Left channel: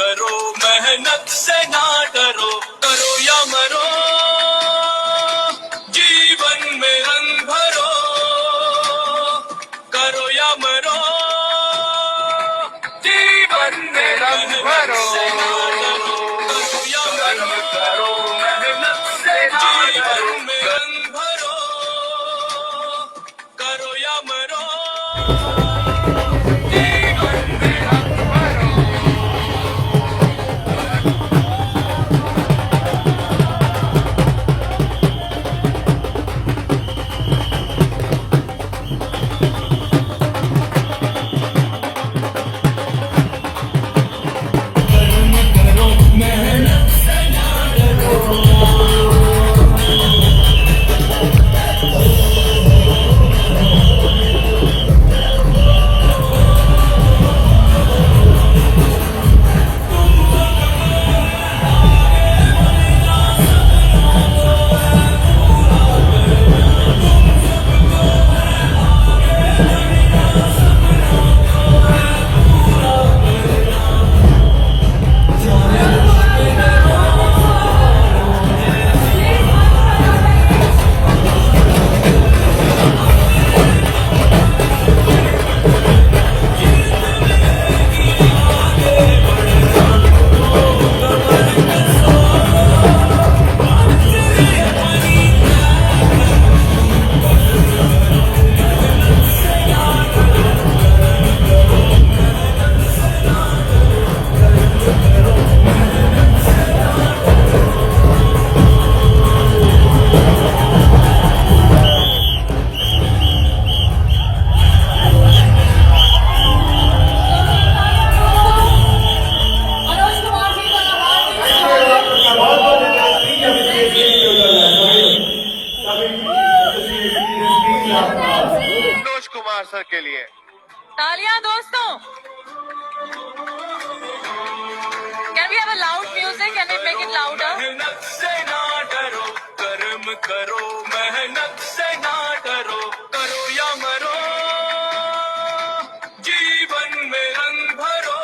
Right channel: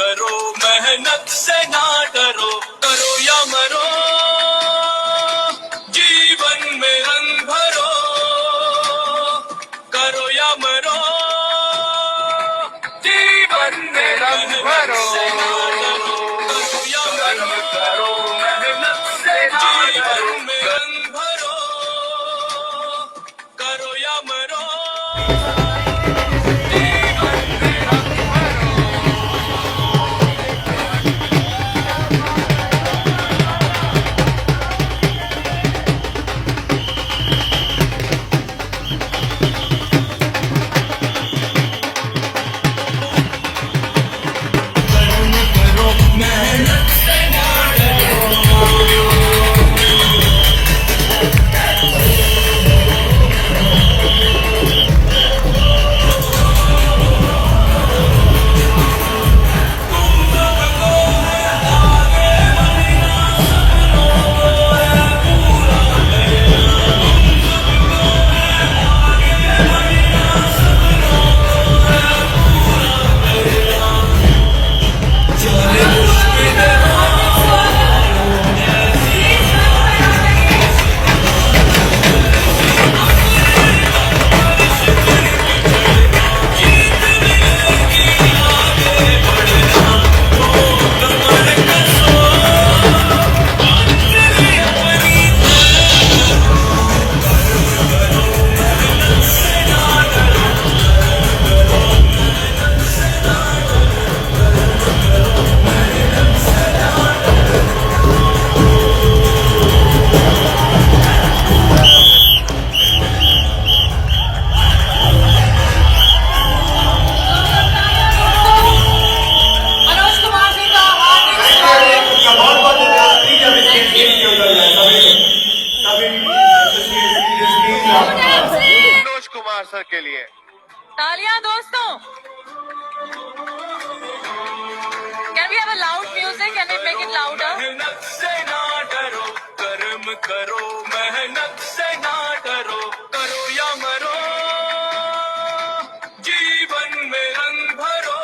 करो मेहनत से ना डरो, करो या मरो जीवन में रंग भरो, करो या मरो जीवन में रंग भरो, करो या मरो करो मेहनत से जीवन में रंग भरो, करो या मरो मनोज कुमार सर के लिए तालियां दोस्तों। Can we have a loud music? Can we make it louder? मेहनत से ना डरो, कर्म करो मेहनत से ना डरो, करो या मरो जीवन में रंग भरो,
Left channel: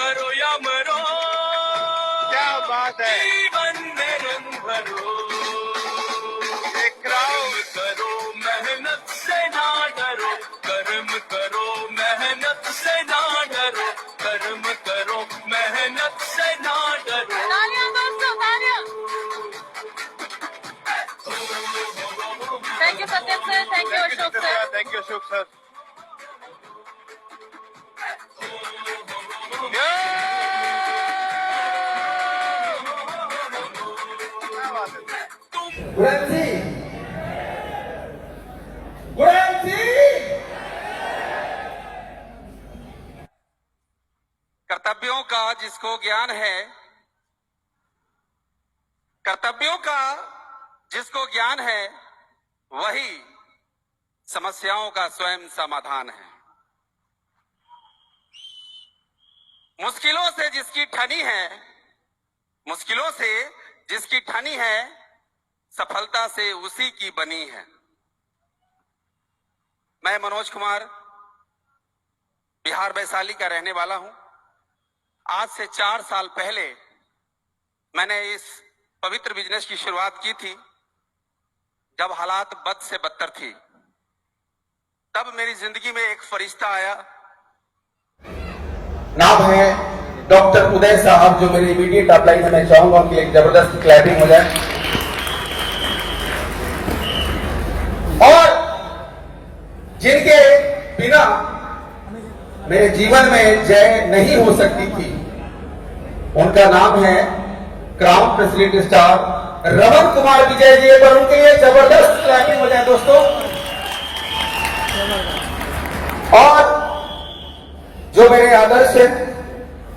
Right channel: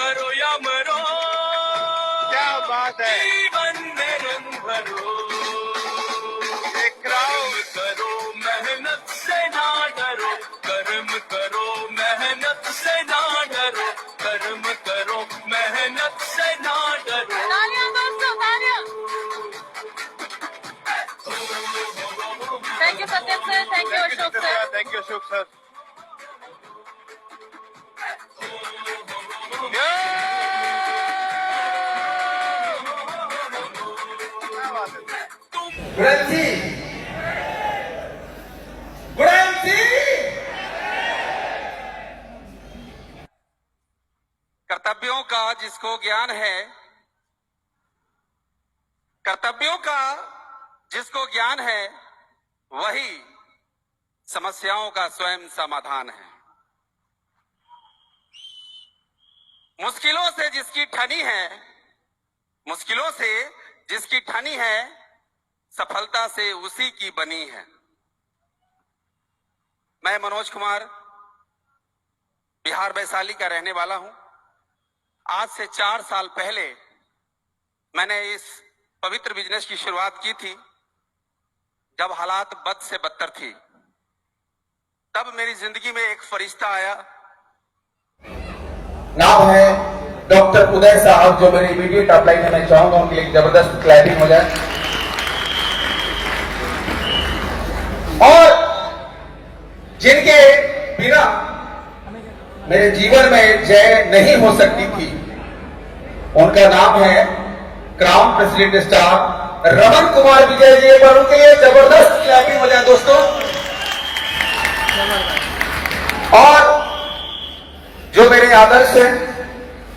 करो या मरो क्या बात है। जीवन में रंग भरो, करो मेहनत से ना डरो, कर्म करो मेहनत से ना डरो, कर्म करो मेहनत से ना डरो। तालियां दोस्तों, तालियां। Thank you Satyam sir, thank you Ashok sir. Thank you Ashok sir. कर्तव्यों का जिसको ज्ञान है, कर्तव्यों का जिसको ज्ञान है, वही समस्याओं का स्वयं समाधान है। मुश्किलों से जिसकी ठनी है, मुश्किलों से जिसकी ठनी है, सफलता से उसी की बनी है। मैं मनोज कुमार बिहार वैशाली का रहने वाला हूं। आज से 4 साल पहले मैंने इस पवित्र बिजनेस की शुरुआत की थी, जब हालात बद से बदतर थी। तब मेरी जिंदगी में एक फरिश्ता आया। नाम है डॉक्टर उदय साहब, जो मेरी इमीडिएट अपलाइन है। मैं चाहूंगा उनके लिए जबरदस्त क्लैपिंग हो जाए। और जिनके बिना मेरे जीवन में जय नहीं हो सकती थी, उनका नाम है crown president star Raman Kumar Vijay ji. पर उनके लिए जबरदस्त क्लैपिंग हो जाए दोस्तों। और जो मेरे आदर्श है,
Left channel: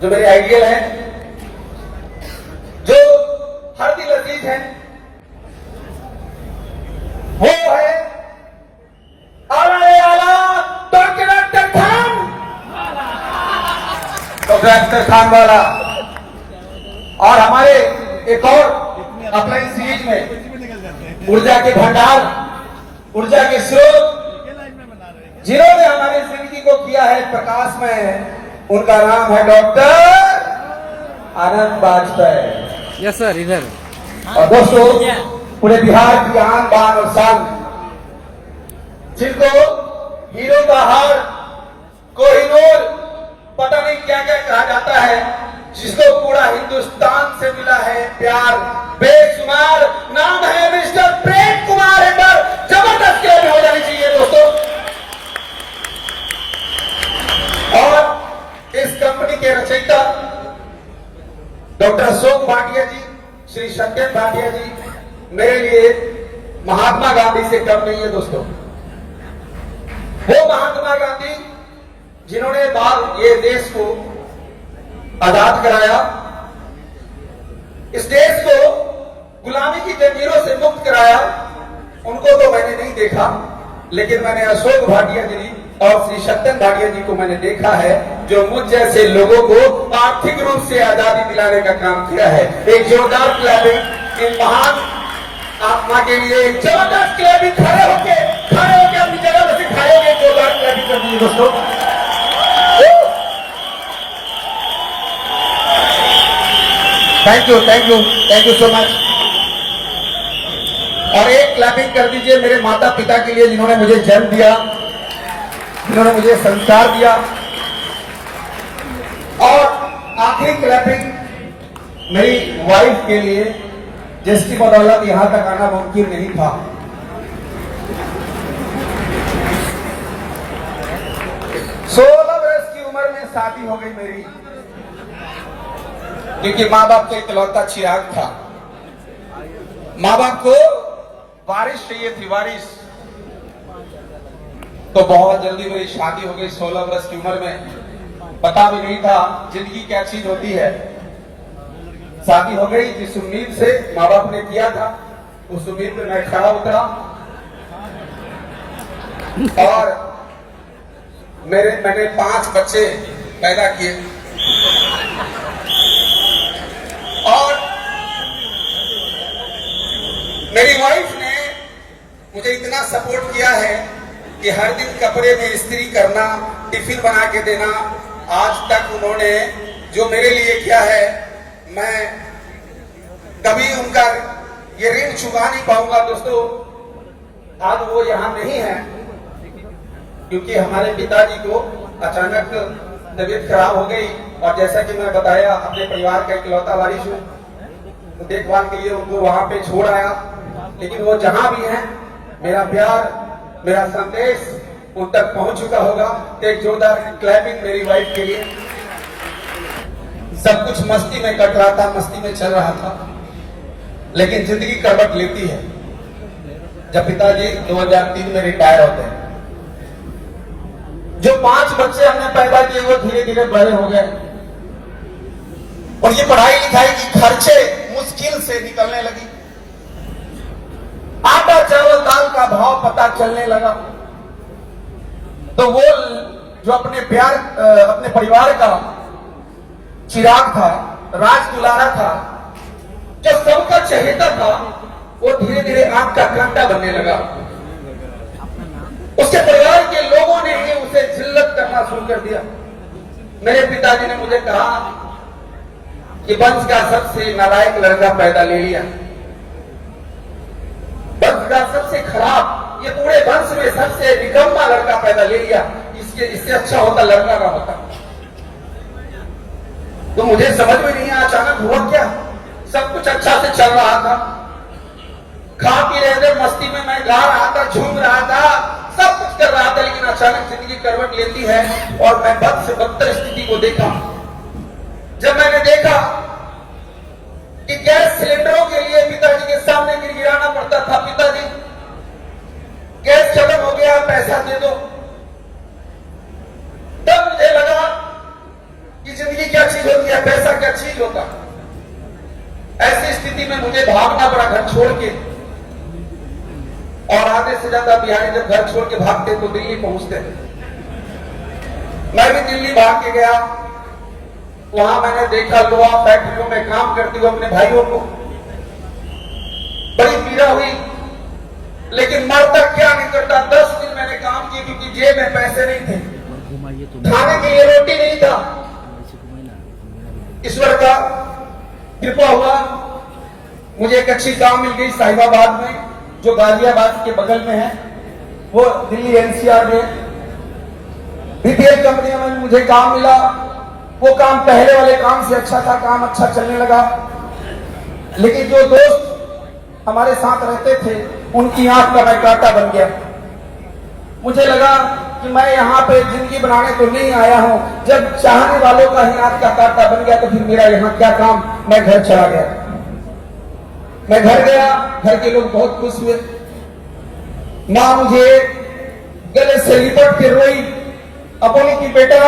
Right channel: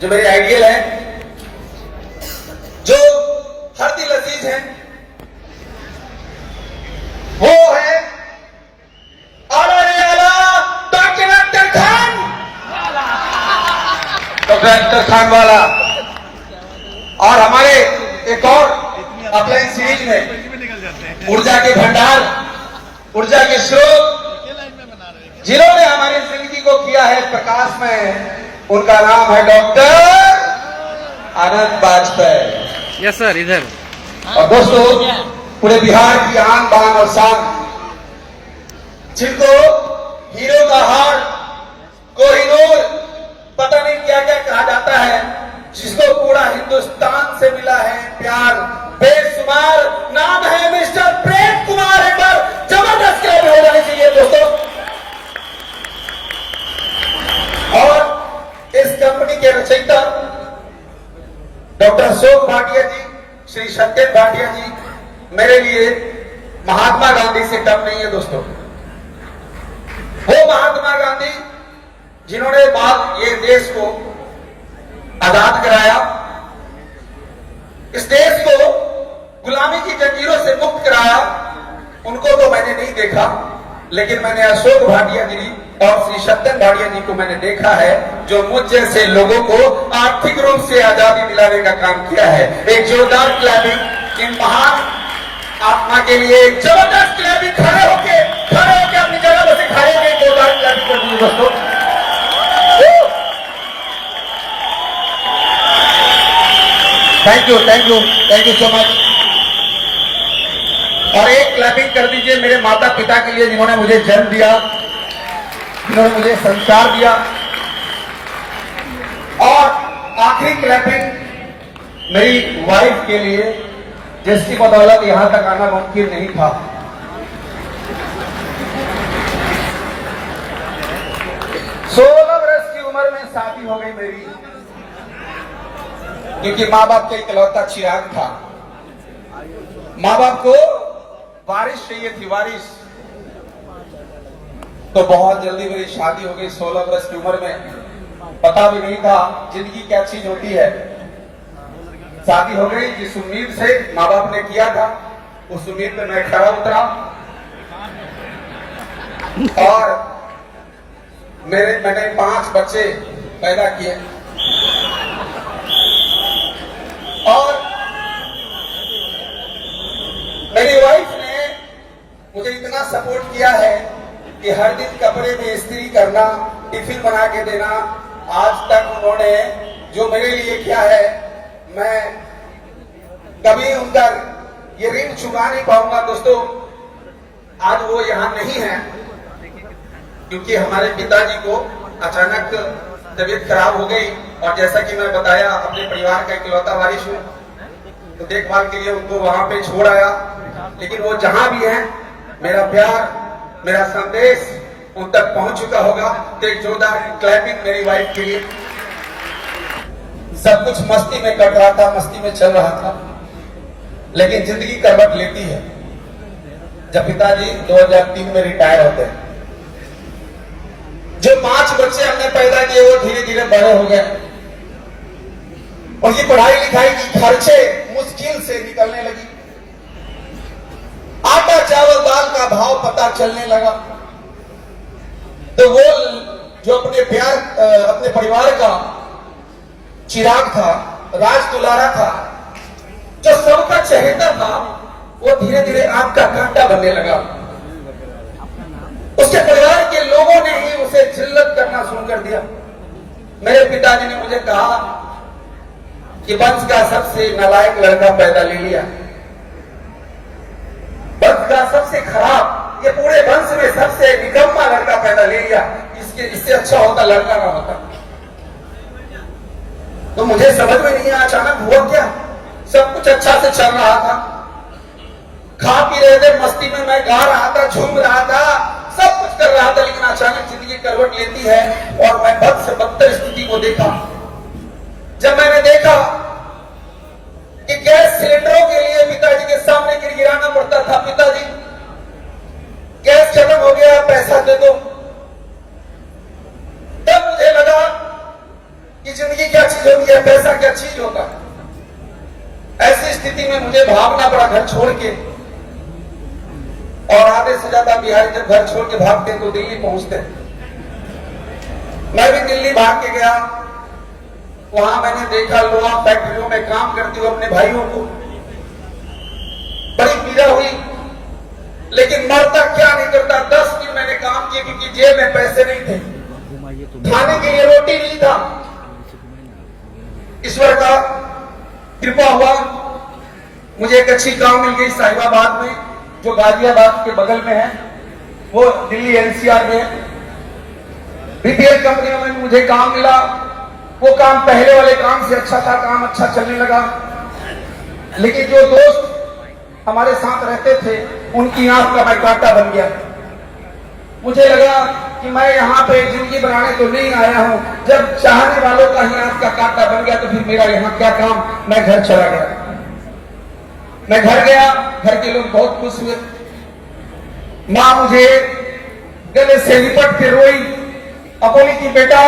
जो मेरे आइडियल है, जो हर दिल अजीज है, वो है आला रे आला डॉक्टर अख्तर खान, डॉक्टर अख्तर खान वाला। और हमारे एक और अपलाइन सीरीज में ऊर्जा के भंडार, ऊर्जा के स्रोत, जिन्होंने हमारी जिंदगी को किया है प्रकाशमय, उनका नाम है डॉक्टर आनंद बाजपेयी। यस सर, इधर। और दोस्तों, पूरे बिहार की आन बान और शान, जिनको हीरो का हार, कोहिनूर, पता नहीं क्या क्या कहा जाता है, जिसको पूरा हिंदुस्तान से मिला है प्यार बेशुमार, नाम है मिस्टर प्रेम कुमार। एक बार जबरदस्त क्लेम हो जानी चाहिए दोस्तों। और इस कंपनी के रचयिता डॉक्टर अशोक भाटिया जी, श्री सत्येंद्र भाटिया जी मेरे लिए महात्मा गांधी से कम नहीं है दोस्तों। वो महात्मा गांधी जिन्होंने ये देश को आजाद कराया, इस देश को गुलामी की जंजीरों से मुक्त कराया, उनको तो मैंने नहीं देखा, लेकिन मैंने अशोक भाटिया जी और श्री सत्येंद्र भाटिया जी को मैंने देखा है, जो मुझ जैसे लोगों को आर्थिक रूप से आजादी दिलाने का काम किया है। एक जोरदार क्लैपिंग इन महान आत्मा के लिए, एक जबरदस्त क्लैपिंग। खड़े होके अपनी जगह पर से खड़े होके जोरदार क्लैपिंग कर दीजिए दोस्तों। Thank you so much. और एक क्लैपिंग कर दीजिए मेरे माता पिता के लिए, जिन्होंने मुझे जन्म दिया, जिन्होंने मुझे संस्कार दिया। और आखिरी क्लैपिंग मेरी वाइफ के लिए, जिसकी बदौलत यहां तक आना मुमकिन नहीं था। सोलह वर्ष की उम्र में शादी हो गई मेरी, क्योंकि माँ बाप का इकलौता चिराग था। माँ बाप को वारिस चाहिए थी, वारिस। तो बहुत जल्दी मेरी शादी हो गई 16 वर्ष की उम्र में। पता भी नहीं था जिंदगी क्या चीज होती है। शादी हो गई, जिस उम्मीद से माँ बाप ने किया था, उस उम्मीद पे मैं खड़ा उतरा। और मैंने 5 बच्चे पैदा किए। और मेरी वाइफ ने मुझे इतना सपोर्ट किया है कि हर दिन कपड़े में इस्त्री करना, टिफिन बना के देना, आज तक उन्होंने जो मेरे लिए किया है, मैं कभी उनका ये ऋण चुका नहीं पाऊंगा दोस्तों। आज वो यहाँ नहीं है क्योंकि हमारे पिताजी को अचानक तबीयत खराब हो गई, और जैसा कि मैं बताया अपने परिवार का इकलौता वारिस हूँ, तो देखभाल के लिए उनको वहां पे छोड़ आया। लेकिन वो जहां भी हैं, मेरा प्यार, मेरा संदेश उन तक पहुंच चुका होगा। तो एक जोरदार क्लैपिंग मेरी वाइफ के लिए। सब कुछ मस्ती में कट रहा था, मस्ती में चल रहा था, लेकिन जिंदगी करवट लेती है जब पिताजी 2003 में रिटायर होते हैं। जो 5 बच्चे हमने पैदा किए वो धीरे धीरे बड़े हो गए। उनकी पढ़ाई लिखाई की खर्चे मुश्किल से निकलने लगी। आटा चावल दाल का भाव पता चलने लगा। तो वो जो अपने परिवार का चिराग था, राज दुलारा था, जो सबका चहेता था, वो धीरे धीरे आग का कांटा बनने लगा। उसके परिवार के लोगों ने ही उसे जिल्लत करना शुरू कर दिया। मेरे पिताजी ने मुझे कहा कि वंश का सबसे नालायक लड़का पैदा ले लिया, वंश का सबसे खराब, ये पूरे वंश में सबसे निकम्मा लड़का पैदा ले लिया, इससे अच्छा होता लड़का ना होता। तो मुझे समझ में नहीं आया अचानक हुआ क्या। सब कुछ अच्छा से चल रहा था, खा पी रहे थे, मस्ती में मैं गा रहा था, झूम रहा था, सब कुछ कर रहा था, लेकिन अचानक जिंदगी करवट लेती है और मैं बद से बदतर स्थिति को देखा। जब मैंने देखा कि गैस सिलेंडरों के लिए पिताजी के सामने गिड़गिड़ाना पड़ता था, पिताजी गैस खत्म हो गया, पैसा दे दो, तब मुझे लगा कि जिंदगी क्या चीज होती है, पैसा क्या चीज होता है। ऐसी स्थिति में मुझे भागना पड़ा घर छोड़ के। और आधे से ज्यादा बिहारी जब घर छोड़ के भागते तो दिल्ली पहुंचते। मैं भी दिल्ली भाग के गया। वहां मैंने देखा लोहा फैक्ट्रियों में काम करते हुए अपने भाइयों को, बड़ी पीड़ा हुई, लेकिन मरता क्या नहीं करता। 10 दिन मैंने काम किए क्योंकि जेब में पैसे नहीं थे, खाने के लिए रोटी नहीं था। ईश्वर का कृपा हुआ, मुझे एक अच्छी काम मिल गई साहिबाबाद में, जो गाजियाबाद के बगल में है, वो दिल्ली एनसीआर में बीपीएल कंपनियों में मुझे काम मिला। वो काम पहले वाले काम से अच्छा था, काम अच्छा चलने लगा। लेकिन जो दोस्त हमारे साथ रहते थे, उनकी आंख का मैं कांटा बन गया। मुझे लगा कि मैं यहाँ पे जिंदगी बनाने तो नहीं आया हूं। जब चाहने वालों का ही आंख का कांटा बन गया तो फिर मेरा यहाँ क्या काम। मैं घर चला गया। मैं घर गया, घर के लोग बहुत खुश हुए। मां मुझे गले से लिपट के रोई, बोली कि बेटा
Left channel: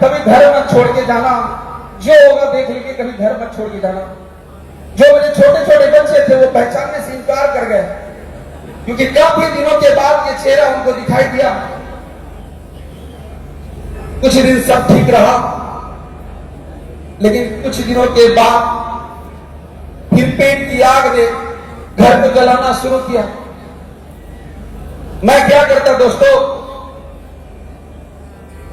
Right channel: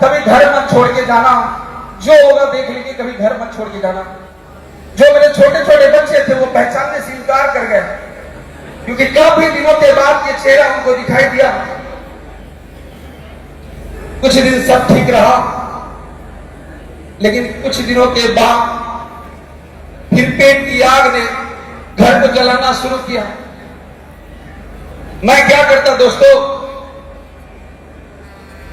कभी घर मत छोड़ के जाना, जो होगा देख लेंगे, कभी घर मत छोड़ के जाना। जो मेरे छोटे छोटे बच्चे थे वो पहचानने से इनकार कर गए, क्योंकि काफी दिनों के बाद ये चेहरा उनको दिखाई दिया। कुछ दिन सब ठीक रहा, लेकिन कुछ दिनों के बाद फिर पेट की आग ने घर को जलाना शुरू किया। मैं क्या करता दोस्तों,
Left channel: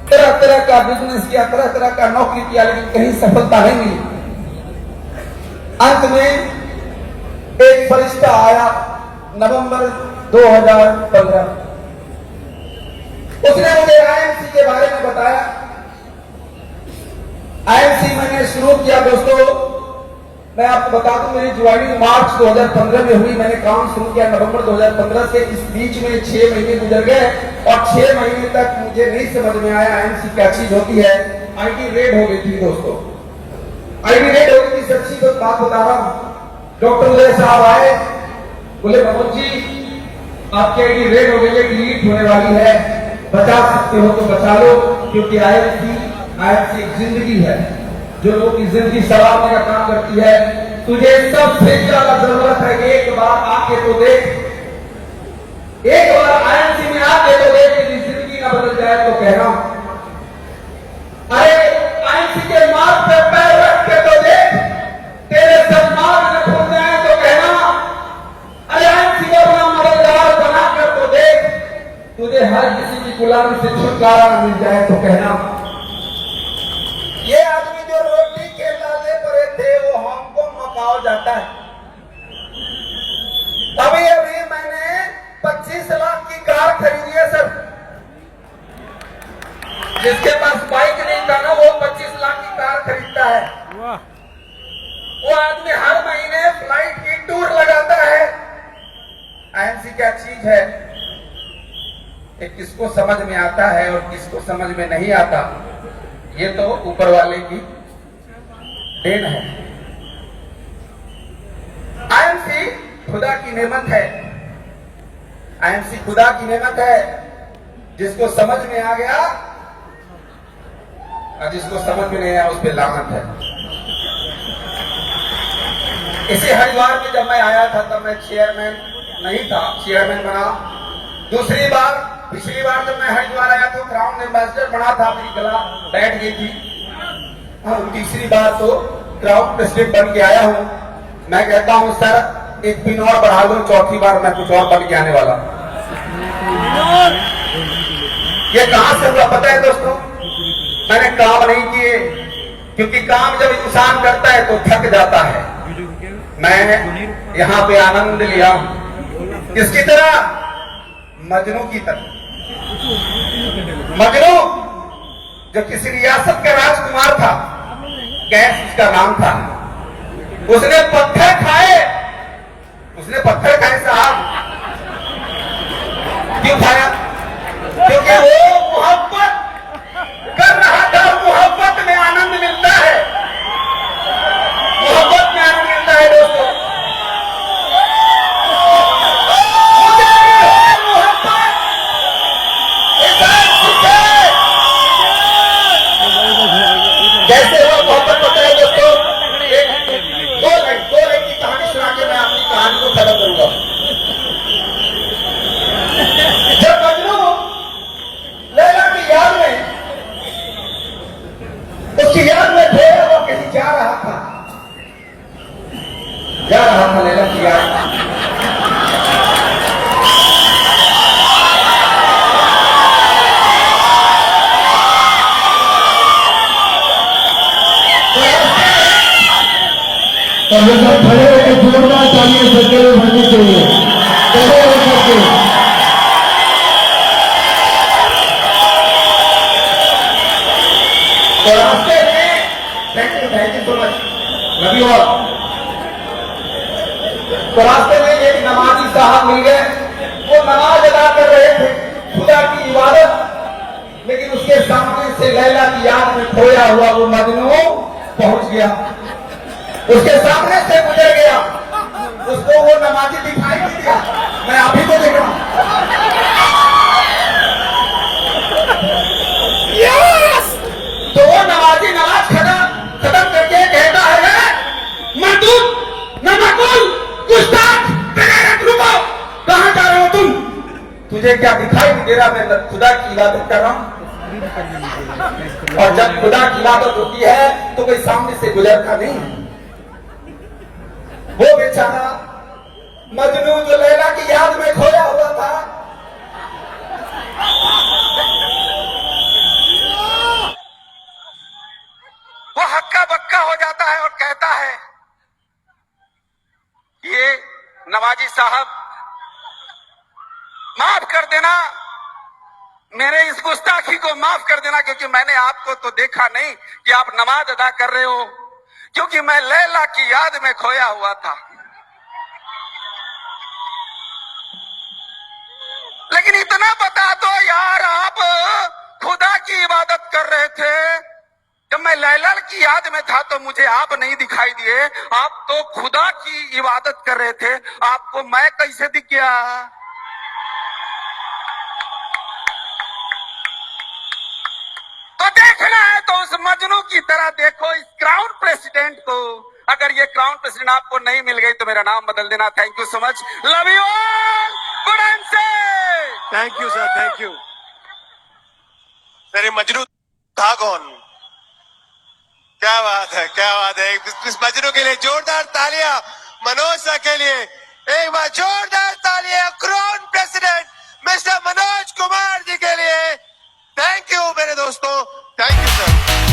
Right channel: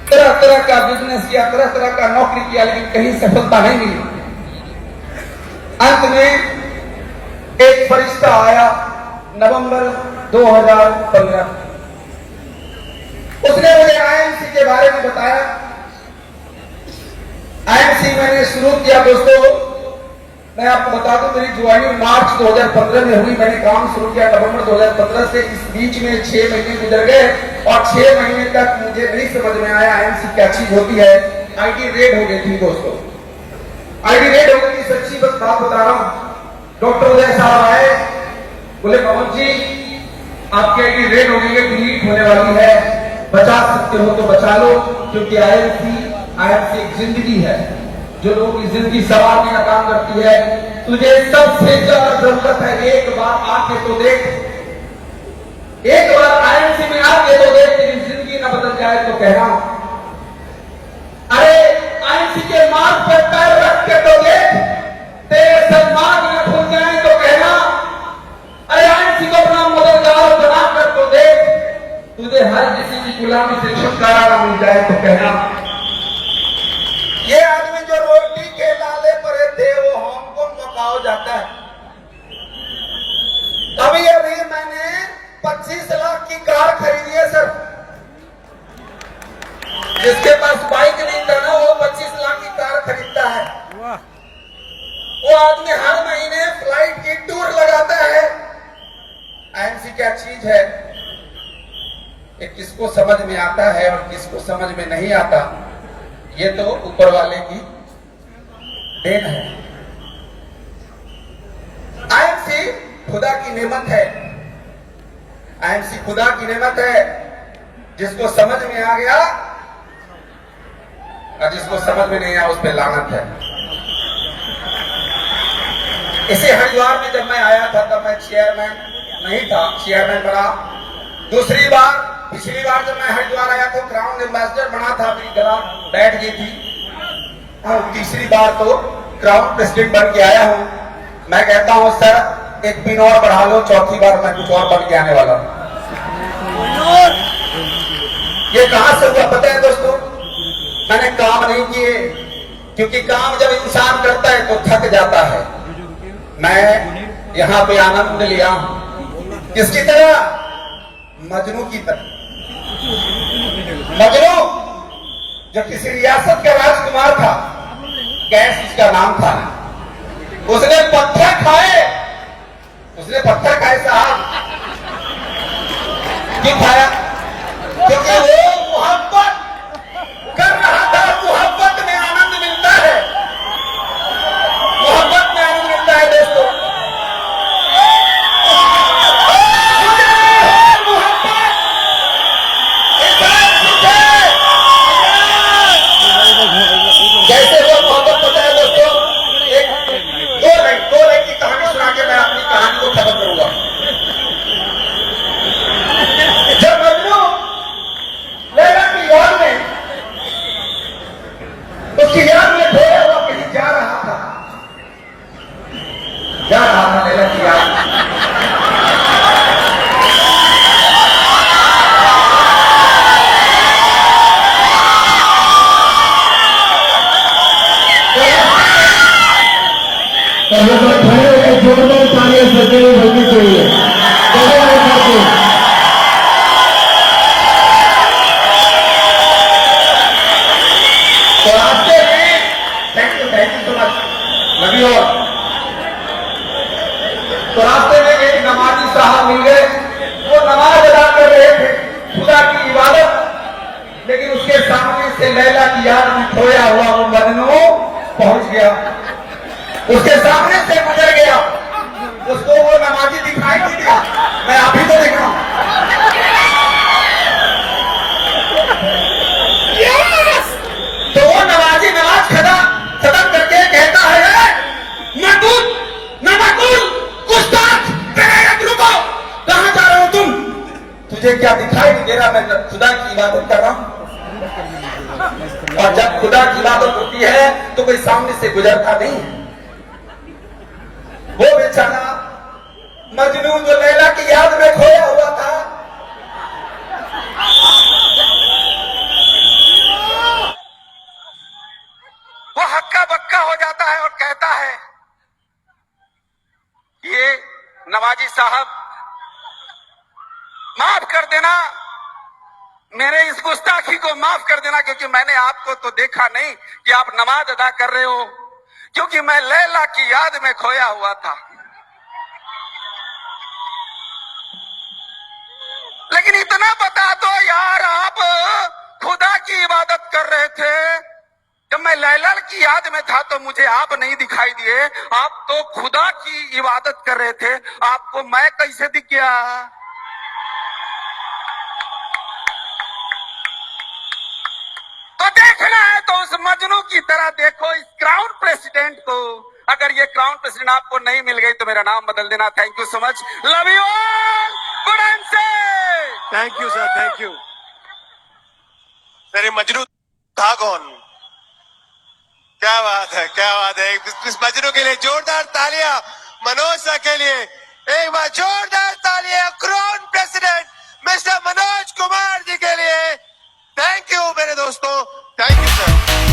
तरह तरह का बिजनेस किया, तरह तरह का नौकरी किया, लेकिन कहीं सफलता नहीं मिली। अंत में एक फरिश्ता आया नवंबर 2015। उसने मुझे आईएमसी के बारे में बताया। आईएमसी मैंने शुरू किया दोस्तों, मैं आपको बता दूं, मेरी ज्वाइनिंग मार्च 2015 में हुई। मैंने काम शुरू किया नवंबर 2015 से। इस बीच में 6 महीने गुजर गए और 6 महीने तक मुझे नहीं समझ में आया आईएमसी क्या चीज होती है। आईडी रेड हो गई थी दोस्तों, आईडी रेड हो गई थी। सच्ची बात बता रहा हूं। डॉक्टर उदय साहब आए, बोले मनोज जी आपकी आईडी रेड हो गई है, डिलीट होने वाली है, बचा सकते हो तो बचा लो, क्योंकि आईएमसी एक जिंदगी है जो लोगों की जिंदगी संवारने का काम करती है। तुझे सबसे ज्यादा जरूरत है एक बार आके तो देख, एक बार आईएमसी में आके तो देख, तेरी जिंदगी ना बदल जाए तो कहना। अरे आईएमसी के मार्ग पे पैर रख के तो देख, तेरे सब मार्ग न खुल जाए तो कहना। अरे आईएमसी को अपना मददगार बना कर तो देख, तुझे हर किसी की गुलामी से छुटकारा मिल जाए तो कहना। ये आदमी जो रोटी के लाले पड़े थे वो हांगकांग मकाओ जाता है। अभी अभी मैंने 25 लाख की कार खरीदी है सर। जिसके पास बाइक नहीं था ना, वो 25 लाख की कार खरीदता है। वो आदमी हर महीने फ्लाइट की टूर लगाता है। आईएमसी क्या चीज है, ये किसको समझ में आता है और किसको समझ में नहीं आता, ये तो ऊपर वाले की देन है। आईएमसी खुदा की नेमत है। आईएमसी खुदा की नेमत है। जिसको समझ में आ गया और जिसको समझ में नहीं आया उस पर लानत है। इसी हरिद्वार में जब मैं आया था तब मैं चेयरमैन नहीं था, चेयरमैन बना। दूसरी बार, पिछली बार जब मैं हरिद्वार आया तो क्राउन एम्बेसडर बना था, मेरी गला बैठ गई थी। तीसरी बार तो क्राउन प्रेसिडेंट बन के आया हूं। मैं कहता हूं सर एक पिन और बढ़ा लो, चौथी बार मैं कुछ और बन के आने वाला। ये कहां से हुआ पता है दोस्तों? मैंने काम नहीं किए, क्योंकि काम जब इंसान करता है तो थक जाता है। मैं यहाँ पे आनंद लिया, किसकी तरह? मजनू की तरह। मजनू जो किसी रियासत का राजकुमार था, कैस उसका नाम था। उसने पत्थर खाए, साहब। क्यों खाया? क्योंकि वो मोहब्बत कर रहा था। मोहब्बत में आनंद मिलता है, मोहब्बत में आनंद मिलता है दोस्तों। कैसे वो मोहब्बत पता है दोस्तों? दो लाइन की कहानी सुना के मैं अपनी कहानी को खत्म करूंगा। जब मजनू लैला की याद में, उसकी याद में थे, वो कहीं जा रहा था लैला की याद में। और ये सब खड़े होकर जोरदार तालियां सबके लिए बजनी चाहिए। खड़े होकर के तो रास्ते में thank you so much, love you all. तो रास्ते में एक नमाजी साहब मिल गए, वो नमाज अदा कर रहे थे, खुदा की इबादत, लेकिन उसके सामने से लैला की याद में खोया हुआ वो मजनू पहुंच गया, उसके सामने से गुजर गया, उसको वो नमाजी दिखाई नहीं दिया। मैं आप ही को देख रहा हूं। तो वो नमाजी नमाज खत्म करके कहता है, मरदूद नमाकुल गुस्ताख बेगैरत, रुको, कहां जा रहे हो तुम? तुझे क्या दिखाई नहीं दे रहा मैं खुदा की इबादत कर रहा हूं? और जब खुदा की इबादत होती है तो कोई सामने से गुजरता नहीं। वो बेचारा मजनू जो लैला की याद में खोया हुआ था, वो हक्का बक्का हो जाता है और कहता है, ये नवाजी साहब माफ कर देना, मेरे इस गुस्ताखी को माफ कर देना, क्योंकि मैंने आपको तो देखा नहीं कि आप नमाज अदा कर रहे हो, क्योंकि मैं लैला की याद में खोया हुआ था। लेकिन इतना बता दो यार, आप खुदा की इबादत कर रहे थे, जब मैं लैला की याद में था तो मुझे आप नहीं दिखाई दिए, आप तो खुदा की इबादत कर रहे थे, आपको मैं कैसे दिख गया? तो देखना है तो उस मजनू की तरह देखो इस क्राउन प्रेसिडेंट को। अगर ये क्राउन प्रेसिडेंट आपको नहीं मिल गई तो मेरा नाम बदल देना। Thank you so much, love you all, good answer. Thank you sir, thank you sir. ये मजनू था कौन? क्या बात है, क्या बात है। इस मजनू के लिए जोरदार तालियां, मनोज सर के लिए एक बार जोरदार तालियां, crown president mister Manoj Kumar ji के लिए। थैंक यू मेरे दोस्तों, थैंक यू सर।